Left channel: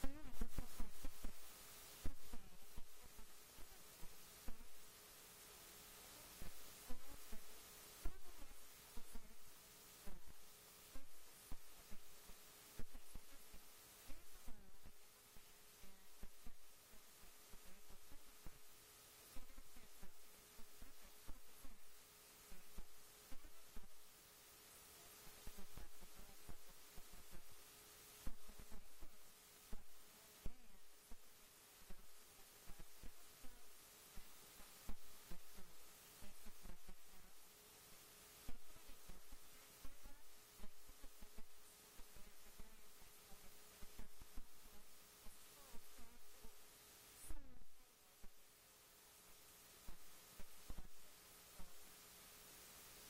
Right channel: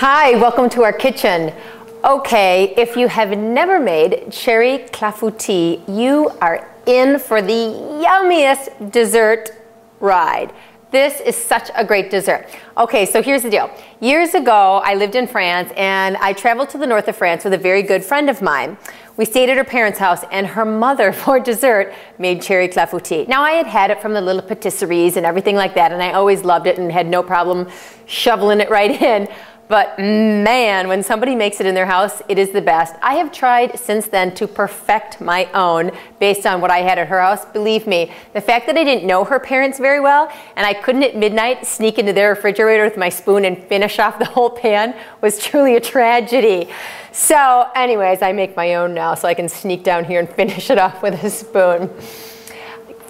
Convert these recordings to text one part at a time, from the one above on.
Hi, welcome to our kitchen. Okay, if you have never made cherry clafoutis, you are in for the yummiest dessert ride. This is such a great dessert. Okay, so here's the deal. Years ago, I lived in France and I traveled to the north of France with a very good friend of mine. We stayed at her parents' house and her mother, for dessert, made cherry clafoutis. Now, I had had it from the little patisseries and everything like that, and I always loved it and had no problem shoveling it right in. But man, when somebody makes it in their house, it is the best. I have tried since then to perfect my own based on what I had at her house. Believe me, the fact that I didn't know her parents very well and I couldn't at midnight sneak into their refrigerator with my spoon and finish off the whole pan was truly a tragedy. So anyways, I make my own now so I can sneak down here and finish it off with a spoon.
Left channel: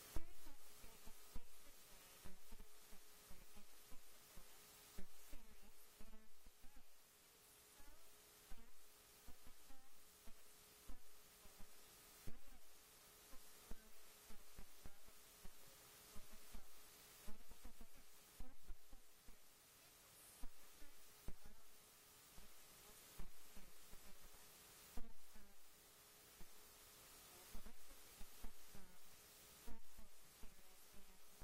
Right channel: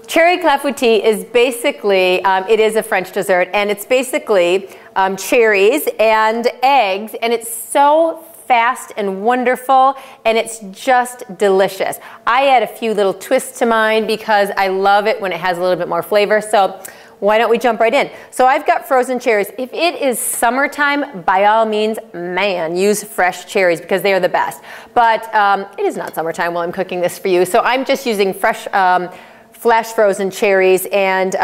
Cherry clafoutis is basically, it is a French dessert, and it's basically cherries and eggs, and it's so fast and wonderful, and it's just delicious. I add a few little twists to mine because I love it when it has a little bit more flavor, so why don't we jump right in? So I've got frozen cherries. If it is summertime, by all means, man, use fresh cherries because they are the best. But it is not summertime while I'm cooking this for you, so I'm just using fresh flash frozen cherries, and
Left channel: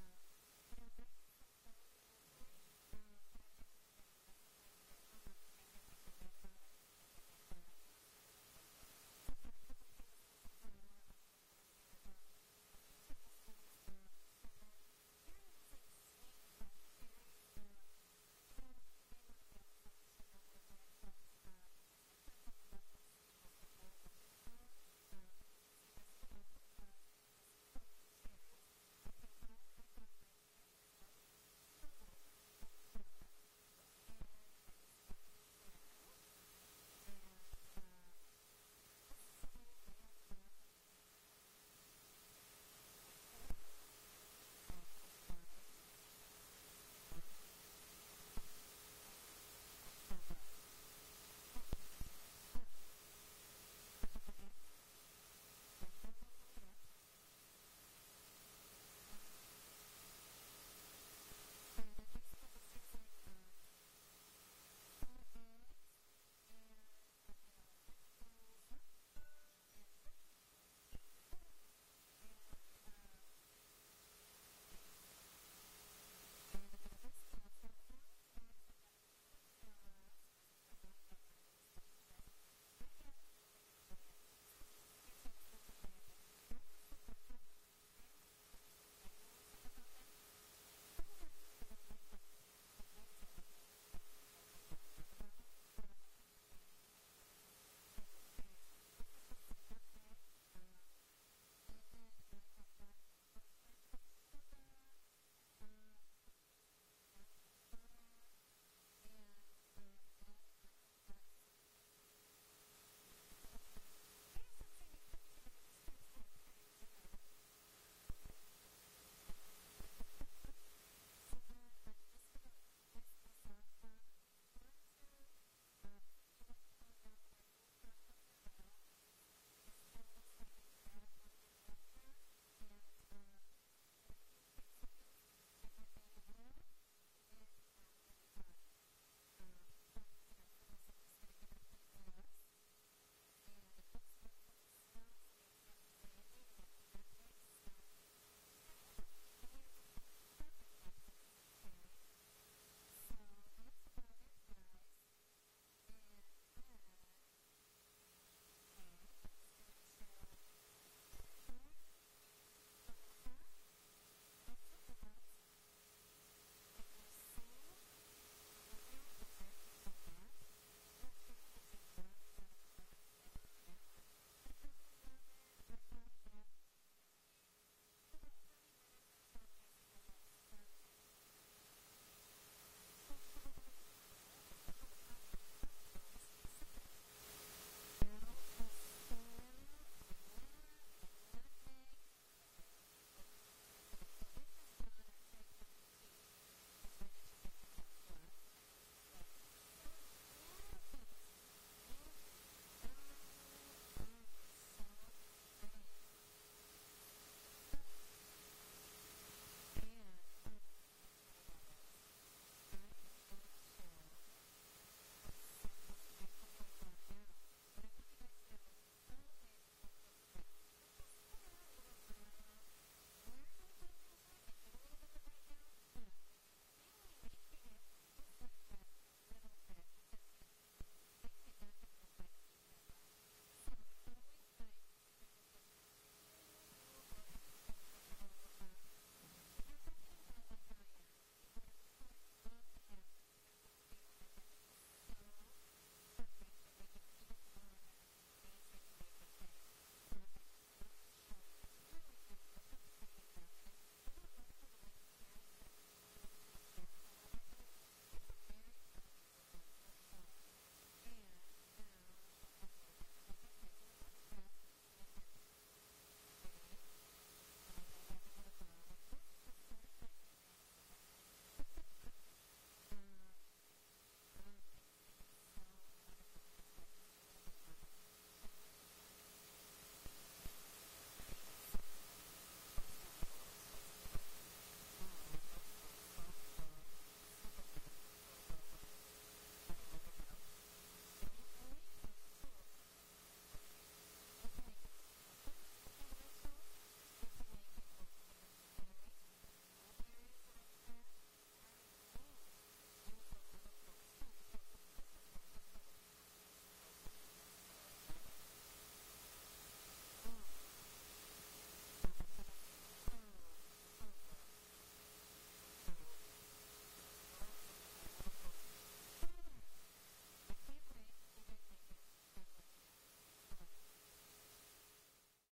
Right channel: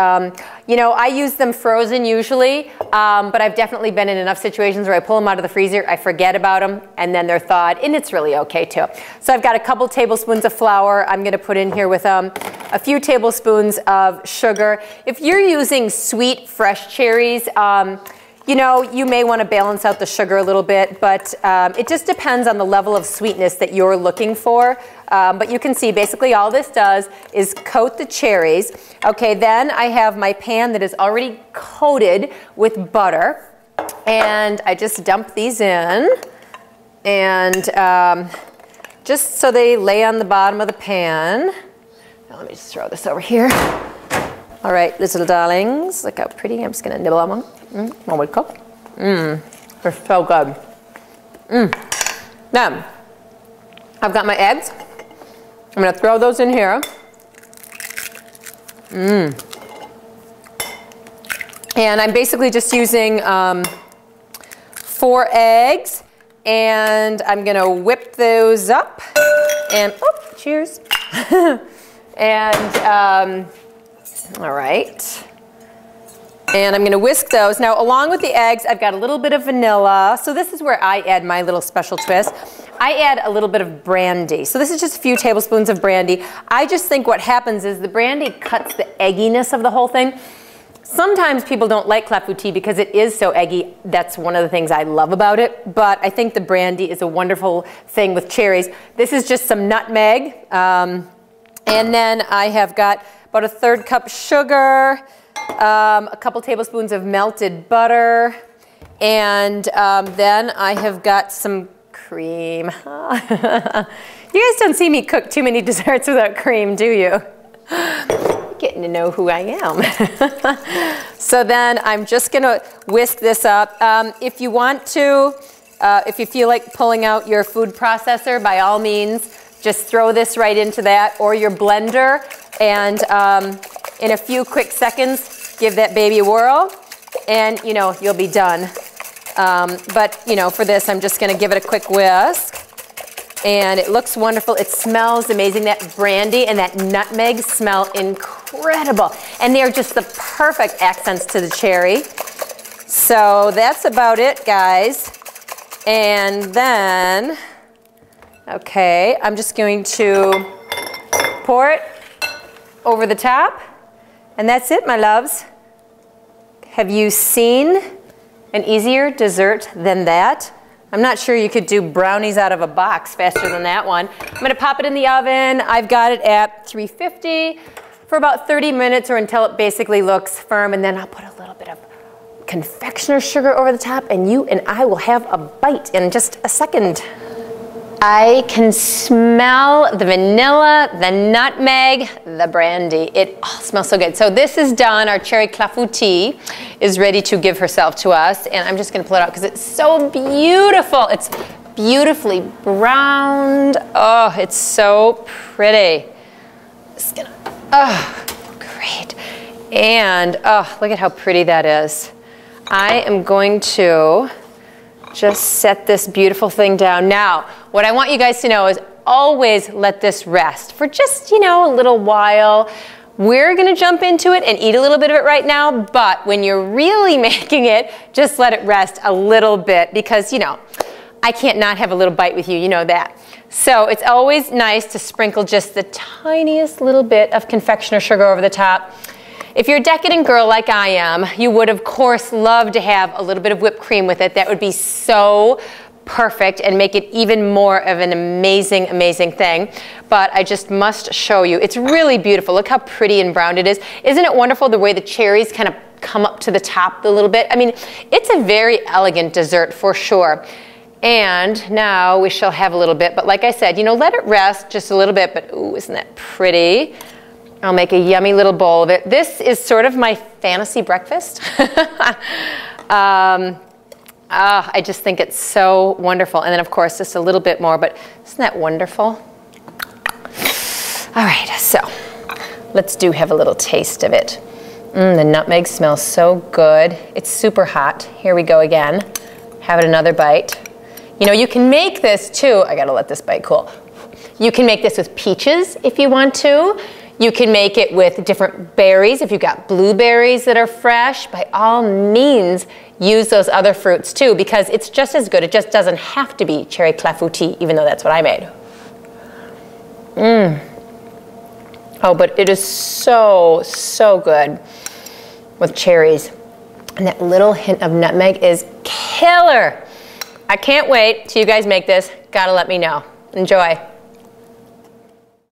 you know, I use them frozen usually, but I've definitely been in enough situations where I pull them out of the freezer, I forget about them, and then they're thawed, and it's really okay too. So I've got a couple tablespoons of flour I'm gonna put in here with a few tablespoons of sugar. If you're using sweet, fresh cherries, you know, you may want to balance out the sugar a little bit, but it just depends on the level of sweetness that you're looking for. But you can see basically all this does is coat the cherries. Okay, then I have my pan that is already coated with butter, and I just dump these in, and just so they lay on the bottom of the pan. Now let me just throw this over here. All right, little darlings, look how pretty. I'm just gonna nibble on one. One would cook. They're so good. Now, I've got my eggs. I'm gonna throw those in here. And I'm basically just using 4 eggs, and I'm gonna whip those up. And, oh, cheers. And, all right. And I'm going to whisk those. Now, along with the eggs, I've got a little bit of vanilla. So this is where I add my little special twist. I add a little bit of brandy. So this is just a few tablespoons of brandy. I just think what happens is the brandy cuts the egginess of the whole thing. Sometimes people don't like clafoutis because it is so eggy. That's one of the things I love about it. But I think the brandy is a wonderful thing with cherries. This is just some nutmeg. And then I have got about a 1/3 cup sugar, a couple tablespoons of melted butter, and then I have got some cream. You guys don't see me cook too many desserts without cream, do you? You're getting to know who I am. So then I'm just gonna whisk this up. If you want to, if you feel like pulling out your food processor, by all means, just throw this right into that, or your blender, and in a few quick seconds, give that baby a whirl, and you know, you'll be done. But you know, for this, I'm just gonna give it a quick whisk, and it looks wonderful. It smells amazing. That brandy and that nutmeg smell incredible, and they're just the perfect accents to the cherry. So that's about it, guys. And then, okay, I'm just going to pour it over the top, and that's it, my loves. Have you seen an easier dessert than that? I'm not sure you could do brownies out of a box faster than that one. I'm gonna pop it in the oven. I've got it at 350 for about 30 minutes, or until it basically looks firm, and then I'll put a little bit of confectioner's sugar over the top, and you and I will have a bite in just a second. I can smell the vanilla, the nutmeg, the brandy. It all smells so good. So this is done. Our cherry clafoutis is ready to give herself to us. And I'm just going to pull it out because it's so beautiful. It's beautifully browned. Oh, it's so pretty. Just gonna, oh, great. And oh, look at how pretty that is. I am going to just set this beautiful thing down. Now, what I want you guys to know is always let this rest for just, you know, a little while. We're gonna jump into it and eat a little bit of it right now, but when you're really making it, just let it rest a little bit because, you know, I can't not have a little bite with you, you know that. So it's always nice to sprinkle just the tiniest little bit of confectioner sugar over the top. If you're a decadent girl like I am, you would of course love to have a little bit of whipped cream with it. That would be so perfect and make it even more of an amazing, amazing thing. But I just must show you. It's really beautiful. Look how pretty and brown it is. Isn't it wonderful the way the cherries kind of come up to the top a little bit? I mean, it's a very elegant dessert for sure. And now we shall have a little bit, but like I said, you know, let it rest just a little bit, but ooh, isn't that pretty? I'll make a yummy little bowl of it. This is sort of my fantasy breakfast. I just think it's so wonderful. And then of course, just a little bit more, but isn't that wonderful? All right, so let's have a little taste of it. The nutmeg smells so good. It's super hot. Here we go again. Have it another bite. You know, you can make this too. I gotta let this bite cool. You can make this with peaches if you want to. You can make it with different berries. If you've got blueberries that are fresh, by all means, use those other fruits too, because it's just as good. It just doesn't have to be cherry clafoutis, even though that's what I made. Oh, but it is so, so good with cherries. And that little hint of nutmeg is killer. I can't wait till you guys make this. Gotta let me know. Enjoy.